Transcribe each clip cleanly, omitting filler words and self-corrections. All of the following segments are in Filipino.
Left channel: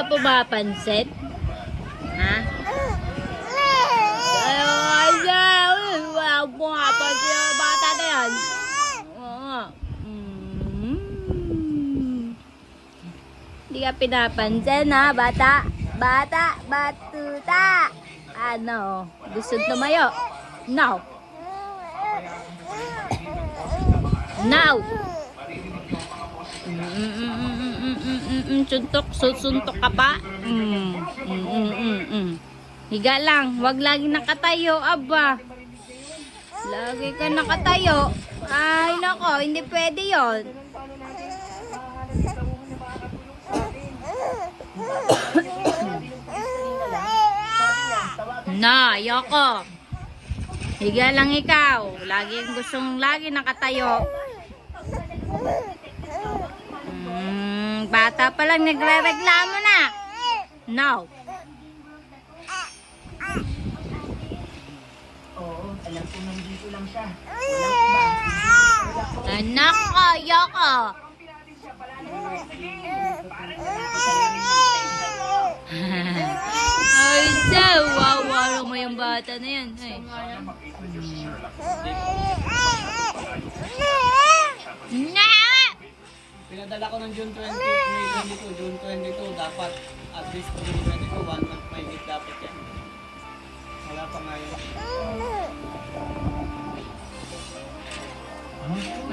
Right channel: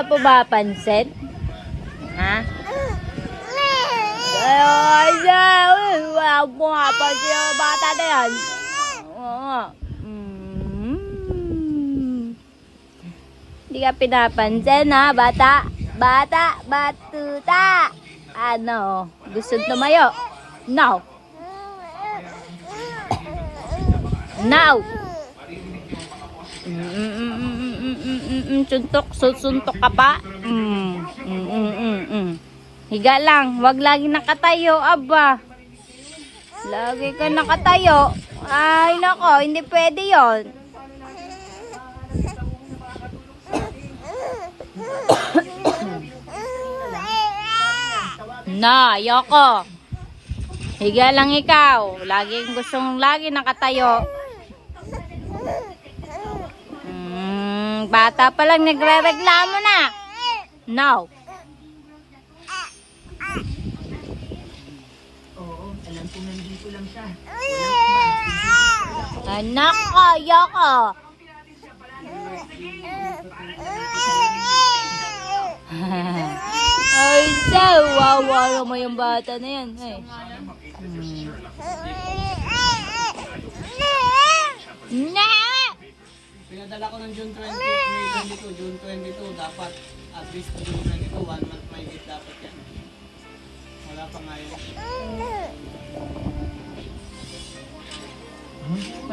ka pumapansin? Ha? Ay, wala akong pumapansin yung bata na yan. Oo. Hindi ka pinapansin ha, bata? Bata, batuta. Ano? Gusto tumayo? No. Now. Suntok ka pa? Higa lang, wag lagi nakatayo, aba. Lagi ka nakatayo. Ay, nako, hindi pwede yon. Na, ayoko. Higa lang ikaw. Laging gustong lagi nakatayo. Bata pa lang nagre-reklamo na. No. Oo, alam ko nandito lang siya. Anak ko, ayoko. Ay, wawa mo yung bata na yan. Ay. Na! Pinadala ko ng June 20, May 22, June 22, dapat at least June 22, 1 month may gift dapat yan. Wala pa nga yun.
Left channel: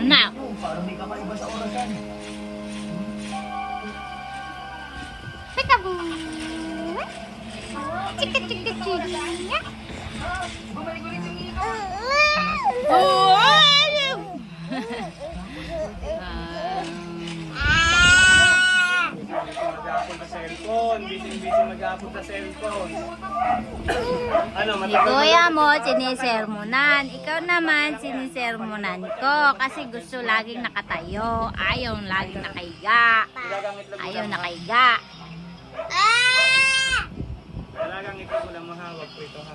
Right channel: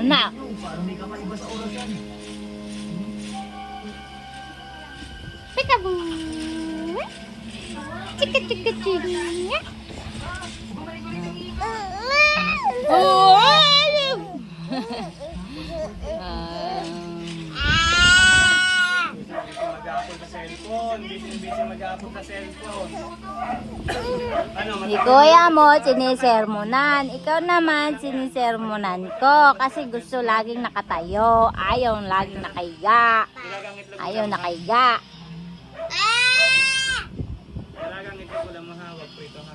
Anak. Parang may kakaiba sa orasan. Mag-upload sa cellphone, busy mag-upload sa cellphone. Ano, Si kuya mo, sinisermonan. Ikaw naman, sinisermonan ko. Kasi gusto laging nakatayo. Ayaw laging nakahiga. Ayaw nakahiga. Talagang ito ko lang mahawak po ito ha.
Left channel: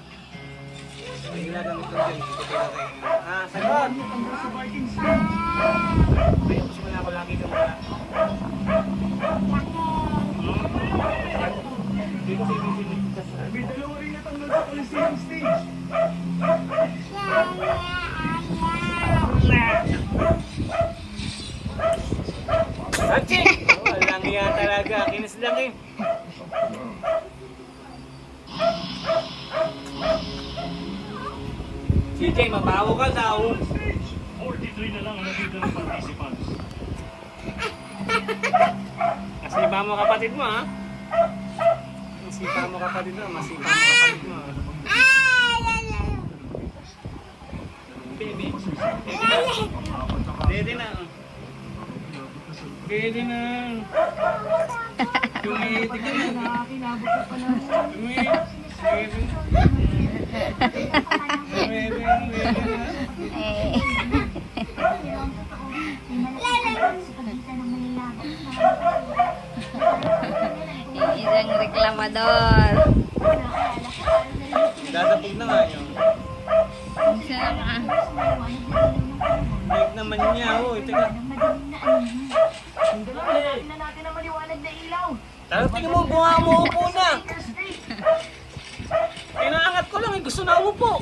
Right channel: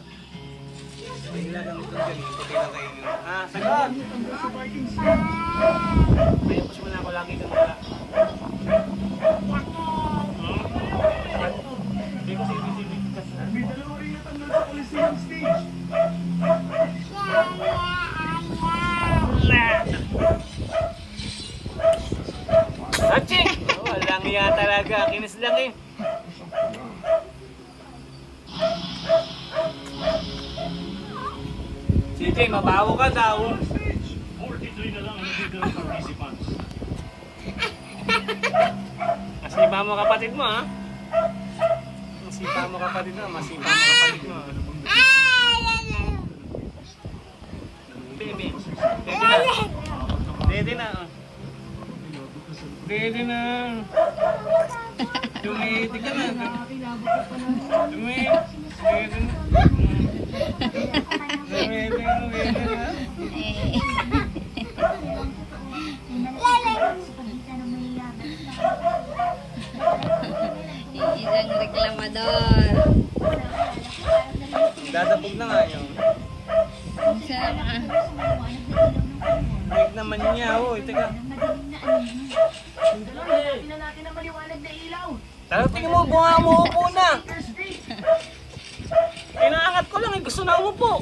Ilagang ito dyan, ito kayo. Ah, sagot! Mayapos mo na ako, laki ka mula. Dito sa ibig kasi. May dalawa rin itang nasa stage. Okay! Walang iya talaga, kinis lang eh. CJ, mabaho ka daw. 43 na lang nabigyan ng participants. Masipa mo kapatid mo ha. Masipa mo kapatid mo, masipa mo kapatid mo. Baby. Baby na. Baby na. Tumiti ka na. Tumiti. Baby na. Isang reklamador. Dadapog na nga yun. Sana. Balik naman niya, oh. Teka. Tara, tingin mo, bunga mo upo na. Inaangat ko lang, gusto na umupo.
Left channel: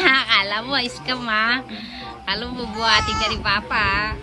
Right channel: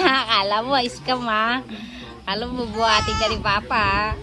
Akala mo, iskam ha. Akala mo, bubuhatin ka ni Papa.